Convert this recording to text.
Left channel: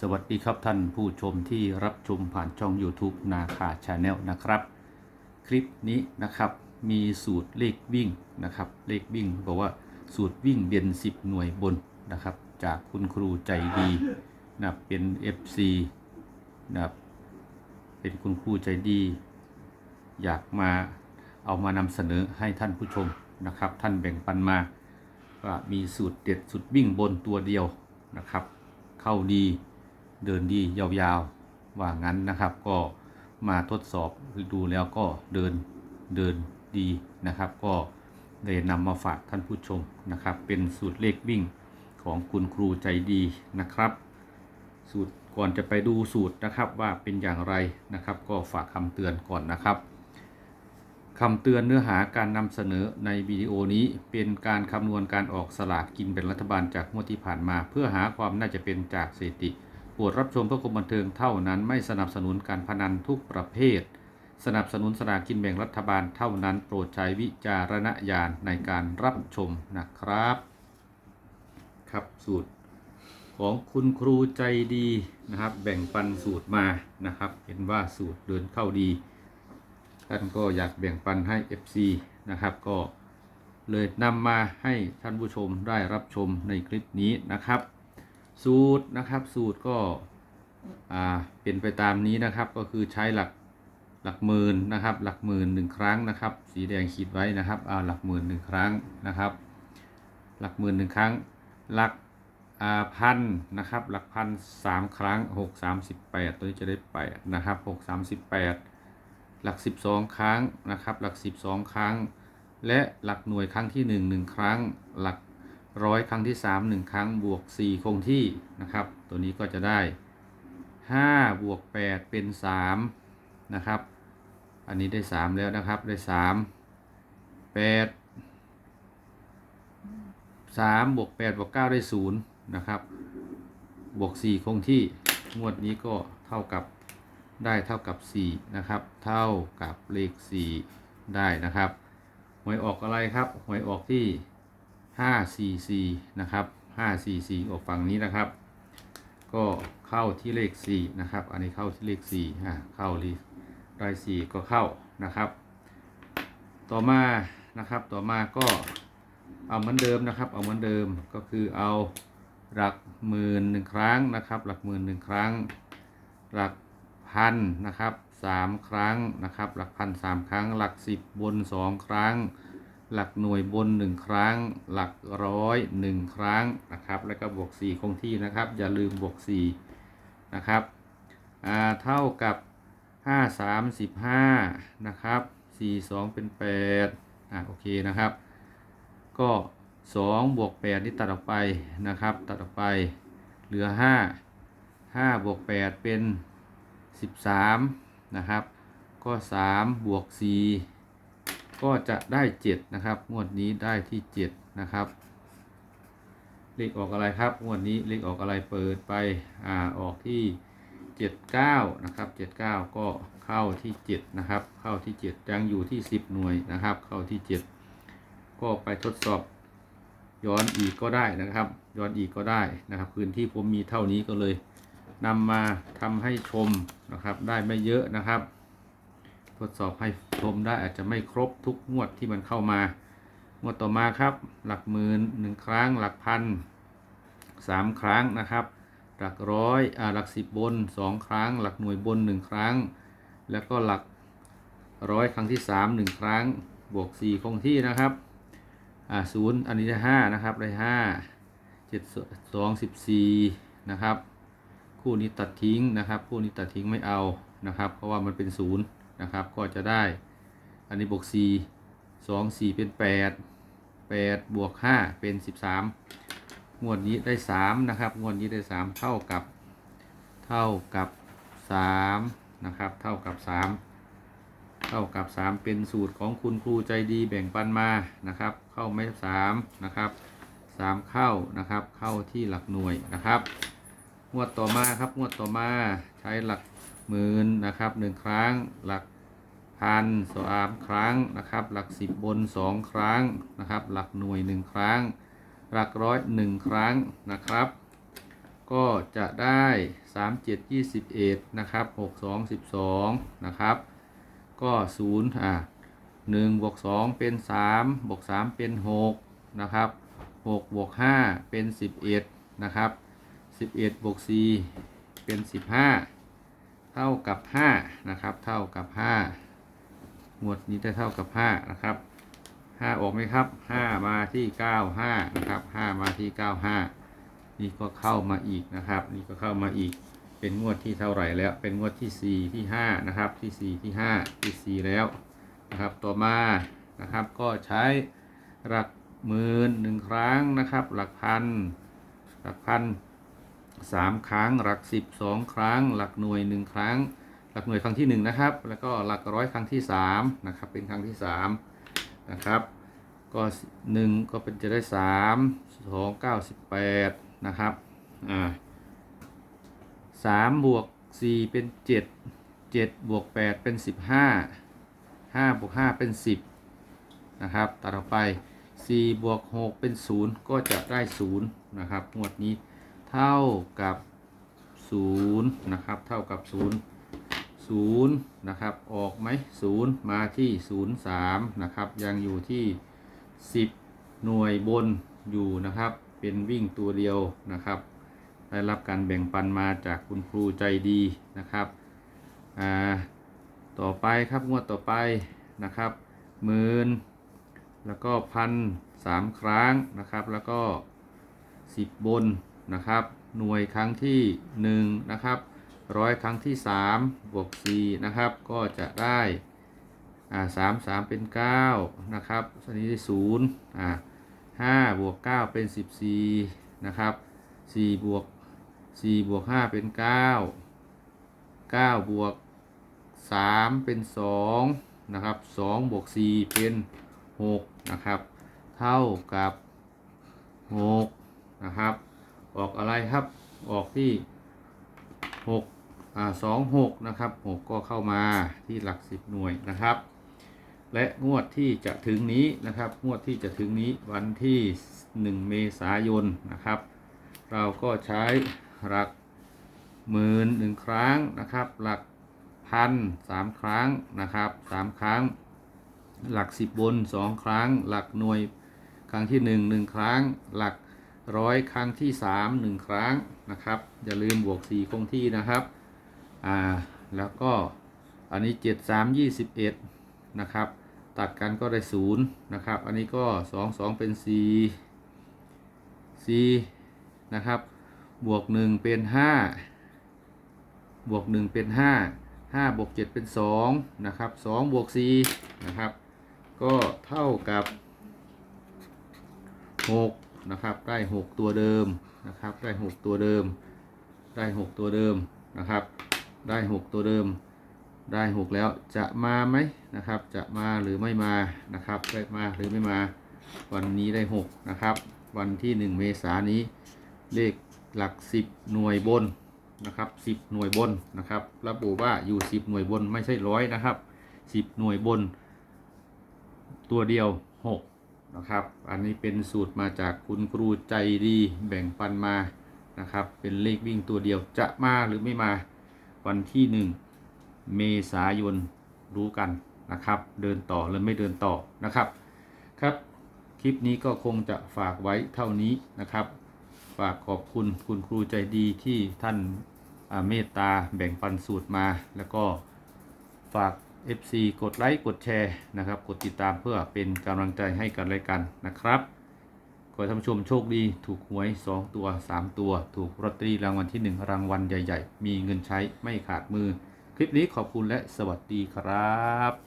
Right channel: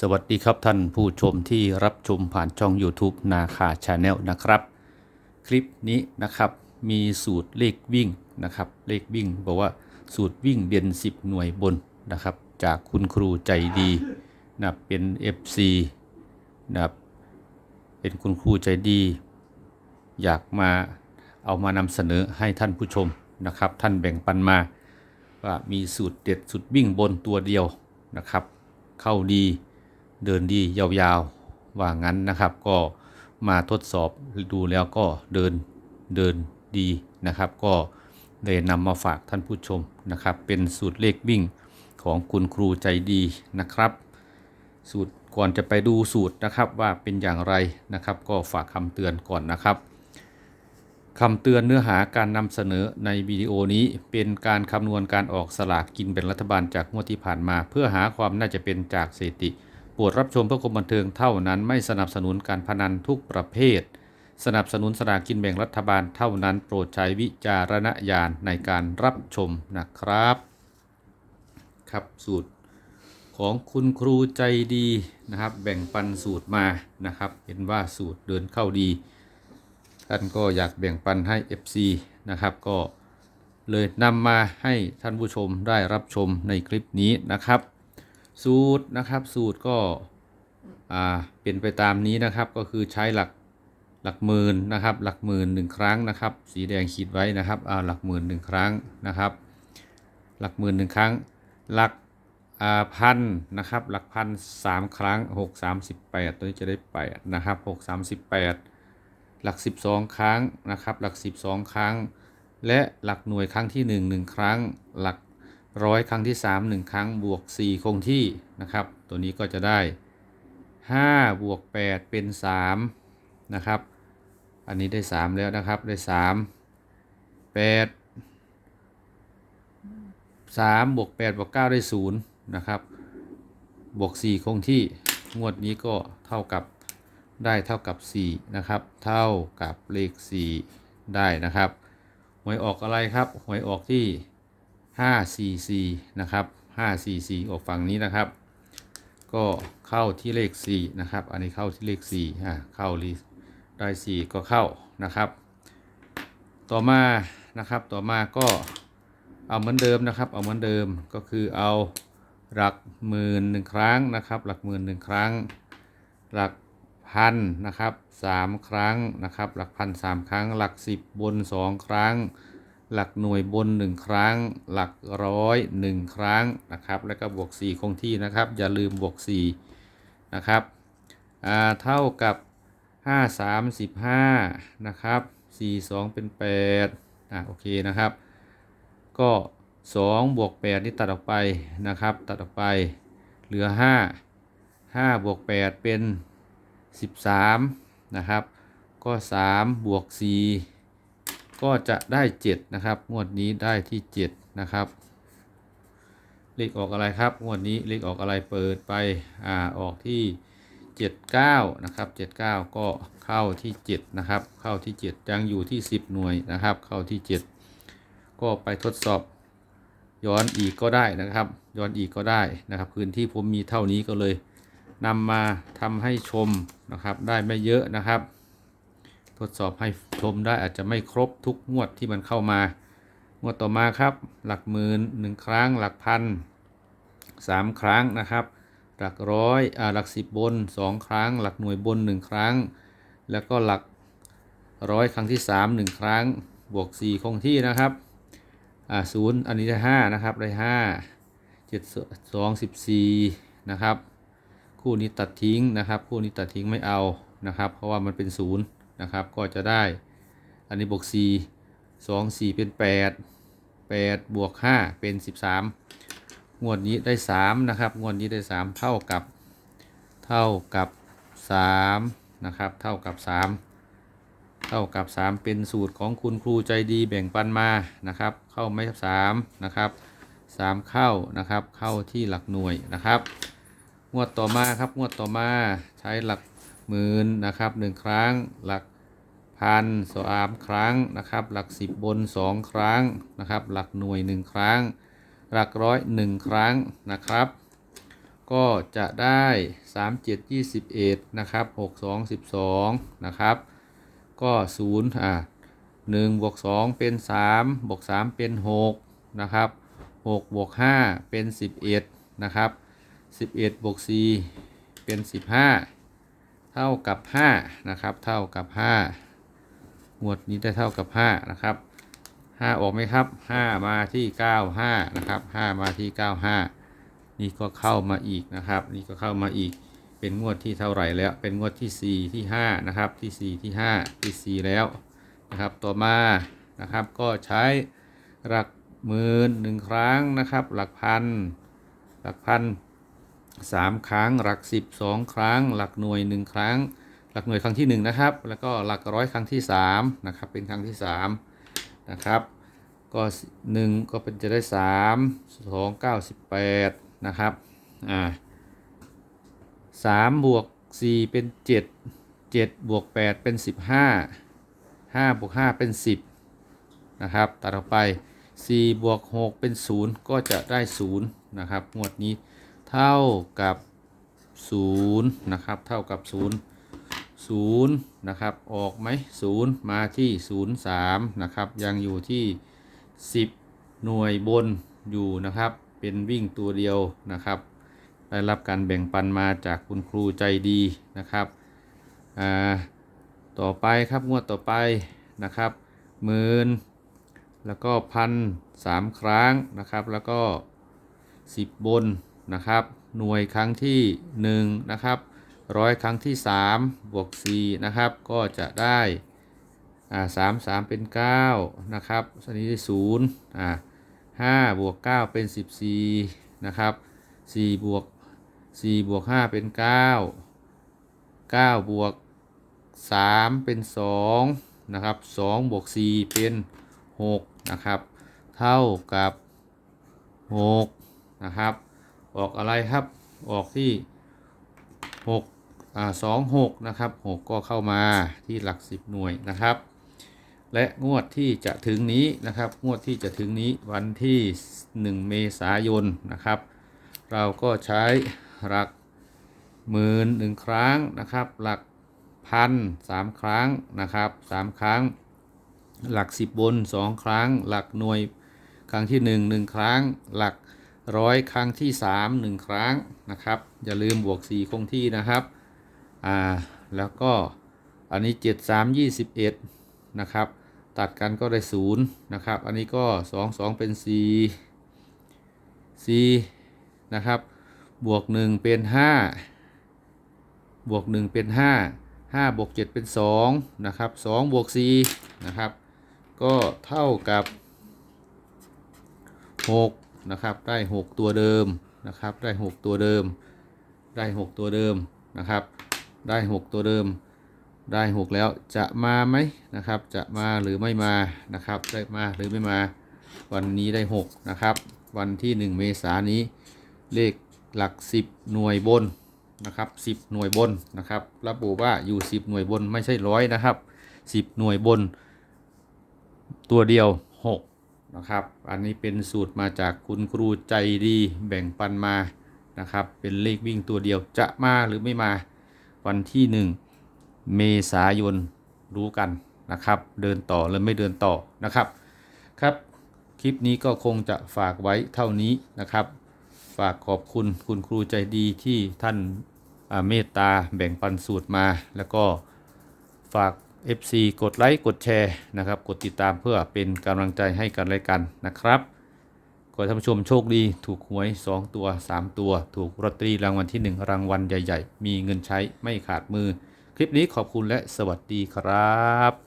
สวัสดีครับท่านผู้ชมที่รับชมผ่านช่อง YouTube นาคาชาแนลนะครับ คลิปนี้นะครับมีสูตรเลขวิ่งนะครับเลขวิ่งบอกว่าสูตรวิ่งเด่น10 หน่วยบนนะครับ จากคุณครูใจดีนะเป็น FC นะครับเป็นคุณครูใจดี อยากมาเอามานำเสนอให้ท่านผู้ชมนะครับ ท่านแบ่งปันมาว่ามีสูตรเด็ดสูตรวิ่งบนตัวเดียวนะครับ เข้าดี เดินดียาวๆ ว่างั้นนะครับ ก็มาทดสอบดูแล้วก็เดินเดินดีนะครับ ก็เลยนำมาฝากท่านผู้ชมนะครับ เป็นสูตรเลขวิ่งของคุณครูใจดีนะครับ สูตรก่อนจะไปดูสูตรนะครับว่าเป็นอย่างไรนะครับ ก็ฝากคำเตือนก่อนนะครับคำเตือนเนื้อหาการนำเสนอในวิดีโอนี้เป็นการคำนวณการออกสลากกินแบ่งรัฐบาลจากงวดที่ผ่านมา เพื่อหาความน่าจะเป็นจากสถิติ โปรดรับชมเพื่อความบันเทิงเท่านั้นไม่สนับสนุนการพนันทุกประเภท สนับสนุนสลากกินแบ่งรัฐบาลเท่านั้น โปรดใช้วิจารณญาณในการรับชมนะครับ ครับสูตรของคุณครูใจดีนะครับ แบ่งปันสูตรมานะครับ เห็นว่าสูตรเดินเข้าดีท่านก็อยากแบ่งปันให้ FC นะครับ ก็เลยนำมาให้ท่านผู้ชมได้รับชมในคลิปนี้นะครับ สูตรนะครับ สูตรก็อ่าเป็นไปตามนี้นะครับก็คือใช้หลักหลักหมื่นนะครับ หลักหมื่นหนึ่งครั้งนะครับ สีแดงขีดไว้นะครับอ่าหลักหมื่นหนึ่งครั้งนะครับ หลักหมื่นหนึ่งครั้ง หลักอ่าพันนะครับ หลักพันสามครั้งหกสามสิบแปดตัวนี้จะได้แปดนะครับหกสามสิบแปดหลัก12ครั้งนะครับ หลัก12ครั้ง และหลักหน่วยครั้งที่1 1ครั้ง หลัก ร้อยครั้งที่ 3 1 ครั้งบวก 4 คงที่นะครับ ตัวนี้ก็จะได้ 5 บวก 8 เป็น 3 นะครับ อันนี้ได้ 3 แล้วนะครับ ได้ 3 8 3บวก8บวก9ได้0นะครับ บวก 4 คงที่ งวดนี้ก็เท่ากับได้เท่ากับ4นะครับ เท่ากับเลข 4 ได้นะครับ หวยออกอะไรครับ หวยออกที่ 544นะครับ544ออกฝั่งนี้นะครับ ก็เข้าที่เลข 4 นะครับ อันนี้เข้าที่เลข4อ่าเข้าลีได้ 4 ก็เข้านะครับ ต่อมานะครับต่อมาก็เอาเหมือนเดิมนะครับ เอาเหมือนเดิมก็คือเอาหลักหมื่นหนึ่งครั้งนะครับ หลักหมื่นหนึ่งครั้ง หลักพันนะครับสามครั้งนะครับ หลักพันสามครั้ง หลักสิบบนสองครั้ง หลักหน่วยบนหนึ่งครั้ง หลักร้อยหนึ่งครั้งนะครับ แล้วก็บวกสี่คงที่นะครับ อย่าลืมบวกสี่นะครับเท่ากับห้าสามสิบห้านะครับสี่สองเป็นแปดอ่าโอเคนะครับ ก็สองบวกแปดนี่ตัดออกไปนะครับ ตัดออกไป เหลือห้าห้าบวกแปดเป็น 13 นะครับ ก็ 3 บวก 4 ก็จะได้ 7 นะครับงวดนี้ได้ที่ 7 นะครับเลขออกอะไรครับงวดนี้เลขออกอะไรเปิดไปอ่าออกที่ 79 นะครับ 79 ก็เข้าที่ 7 นะครับ เข้าที่ 7 ยังอยู่ที่ 10 หน่วยนะครับ เข้าที่ 7 ก็ไปทดสอบย้อนอีกก็ได้นะครับ ย้อนอีกก็ได้นะครับ พื้นที่ผมมีเท่านี้ก็เลยนำมาทำให้ชมนะครับ ได้ไม่เยอะนะครับ ทดสอบให้ชมได้อาจจะไม่ครบทุกงวดที่มันเข้ามางวดต่อมาครับ หลักหมื่นหนึ่งครั้ง หลักพันสามครั้งนะครับ หลักร้อยอ่าหลักสิบบนสองครั้ง หลักหน่วยบนหนึ่งครั้ง แล้วก็หลักร้อยครั้งที่สามหนึ่งครั้ง บวกสี่คงที่นะครับอ่าศูนย์อันนี้ได้ห้านะครับได้ห้าเจ็ดสองสิบสี่นะครับ คู่นี้ตัดทิ้งนะครับ คู่นี้ตัดทิ้งไม่เอานะครับ เพราะว่ามันเป็นศูนย์ นะครับ ก็จะได้ อันนี้บวก 4 2 4 เป็น 8 8 บวก 5 เป็น 13 งวดนี้ได้ 3 นะครับ งวดนี้ได้ 3 เท่ากับ เท่ากับ 3 นะครับ เท่ากับ 3 เท่ากับ 3 เป็นสูตรของคุณครูใจดีแบ่งปันมา นะครับ เข้าไม่3นะครับ 3 เข้า นะครับ เข้าที่หลักหน่วยนะครับ งวดต่อมาครับ งวดต่อมาใช้หลัก หมื่นนะครับหนึ่งครั้ง หลักพันสามครั้งนะครับ หลักสิบบนสองครั้งนะครับ หลักหน่วยหนึ่งครั้ง หลักร้อยหนึ่งครั้งนะครับ ก็จะได้สามเจ็ดยี่สิบเอ็ดนะครับหกสองสิบสองนะครับ ก็ศูนย์อะหนึ่งบวกสองเป็นสามบวกสามเป็นหกนะครับหกบวกห้าเป็นสิบเอ็ดนะครับสิบเอ็ดบวกสี่เป็นสิบห้า เท่ากับห้านะครับ เท่ากับห้าหมวดนี้ได้เท่ากับห้านะครับห้าออกไหมครับห้ามาที่เก้าห้านะครับห้ามาที่เก้าห้านี่ก็เข้ามาอีกนะครับ นี่ก็เข้ามาอีก เป็นงวดที่เท่าไหร่แล้ว เป็นงวดที่ 4 ที่ 5 นะครับ ที่ 4 ที่ 5 ที่ 4 แล้วนะครับ ต่อมานะครับ ก็ใช้หลักหมื่นหนึ่งครั้งนะครับ หลักพัน หลักพัน สามครั้ง หลักสิบสองครั้ง หลักหน่วยหนึ่งครั้ง หลักหน่วยครั้งที่หนึ่งนะครับ แล้วก็หลักร้อยครั้งที่สามนะครับ เป็นครั้งที่สามนะครับ ก็หนึ่งก็เป็นจะได้สามสองเก้าสิบแปดนะครับ อ่าสามบวกสี่เป็นเจ็ดเจ็ดบวกแปดเป็นสิบห้าห้าบวกห้าเป็นสิบนะครับตัดออกไปสี่บวกหกเป็นศูนย์ก็จะได้ศูนย์นะครับงวดนี้ เท่ากับศูนย์นะครับเท่ากับศูนย์ศูนย์นะครับออกไหมศูนย์มาที่ศูนย์สามนะครับยังอยู่ที่สิบหน่วยบนอยู่นะครับ เป็นวิ่งตัวเดียวนะครับ ได้รับการแบ่งปันมาจากคุณครูใจดีนะครับอ่าต่อไปครับงวดต่อไปนะครับหมื่นแล้วก็พันสามครั้งนะครับ แล้วก็สิบบน นะครับ หน่วยครั้งที่หนึ่งนะครับร้อยครั้งที่สามบวกสี่นะครับ ก็จะได้อ่าสามสามเป็นเก้านะครับอันนี้ได้ศูนย์อ่าห้าบวกเก้าเป็นสิบสี่นะครับสี่บวกสี่บวกห้าเป็นเก้าเก้าบวกสามเป็นสองนะครับสองบวกสี่เป็นหกนะครับ เท่ากับหกนะครับ ออกอะไรครับ ออกที่หกอ่าสองหกนะครับหกก็เข้ามาที่หลักสิบหน่วยนะครับ และงวดที่จะถึงนี้นะครับ งวดที่จะถึงนี้วันที่ 1 เมษายนนะครับ เราก็ใช้หลักหมื่นหนึ่งครั้งนะครับ หลักพันสามครั้งนะครับสามครั้ง หลักสิบบนสองครั้ง หลักหน่วยครั้งที่หนึ่งหนึ่งครั้ง หลัก ร้อยครั้งที่สามหนึ่งครั้งนะครับ อย่าลืมบวกสี่คงที่นะครับอ่าแล้วก็อันนี้เจ็ดสามยี่สิบเอ็ดนะครับ ตัดกันก็ได้ศูนย์นะครับ อันนี้ก็สองสองเป็นสี่สี่นะครับ บวกหนึ่งเป็นห้าบวกหนึ่งเป็นห้าห้าบวกเจ็ดเป็นสองนะครับสองบวกสี่นะครับ ก็เท่ากับหก นะครับ ได้หกตัวเดิมนะครับ ได้หกตัวเดิม ได้หกตัวเดิมนะครับ ได้หกตัวเดิม ได้หกแล้วจะมาไหมนะครับ จะมาหรือไม่มานะครับได้มาหรือไม่มา วันนี้ได้หกนะครับ วันที่หนึ่งเมษายนนี้ เลขหลัก 10 หน่วยบนนะครับ10 หน่วยบนนะครับระบุว่าอยู่ 10 หน่วยบนไม่ใช่ร้อยนะครับ 10 หน่วยบน ตัวเดียว 6 นะครับ อันนี้เป็นสูตรมาจากคุณครูใจดีแบ่งปันมานะครับ เป็นเลขวิ่งตัวเดียวจะมาหรือไม่มาวันที่ 1 เมษายนรู้กันนะครับ เดินต่อหรือไม่เดินต่อนะครับครับ คลิปนี้ก็คงจะฝากไว้เท่านี้นะครับ ฝากขอบคุณคุณครูใจดีที่ท่านเมตตาแบ่งปันสูตรมาแล้วก็ฝาก FC กดไลค์กดแชร์นะครับ กดติดตามเพื่อเป็นกำลังใจให้กันและกันนะครับขอให้ท่านผู้ชมโชคดีถูกหวย 2 ตัว 3 ตัว ถูกลอตเตอรี่รางวัลที่ 1 รางวัลใหญ่ ๆ มีเงินใช้ไม่ขาดมือ คลิปนี้ขอบคุณและสวัสดีครับ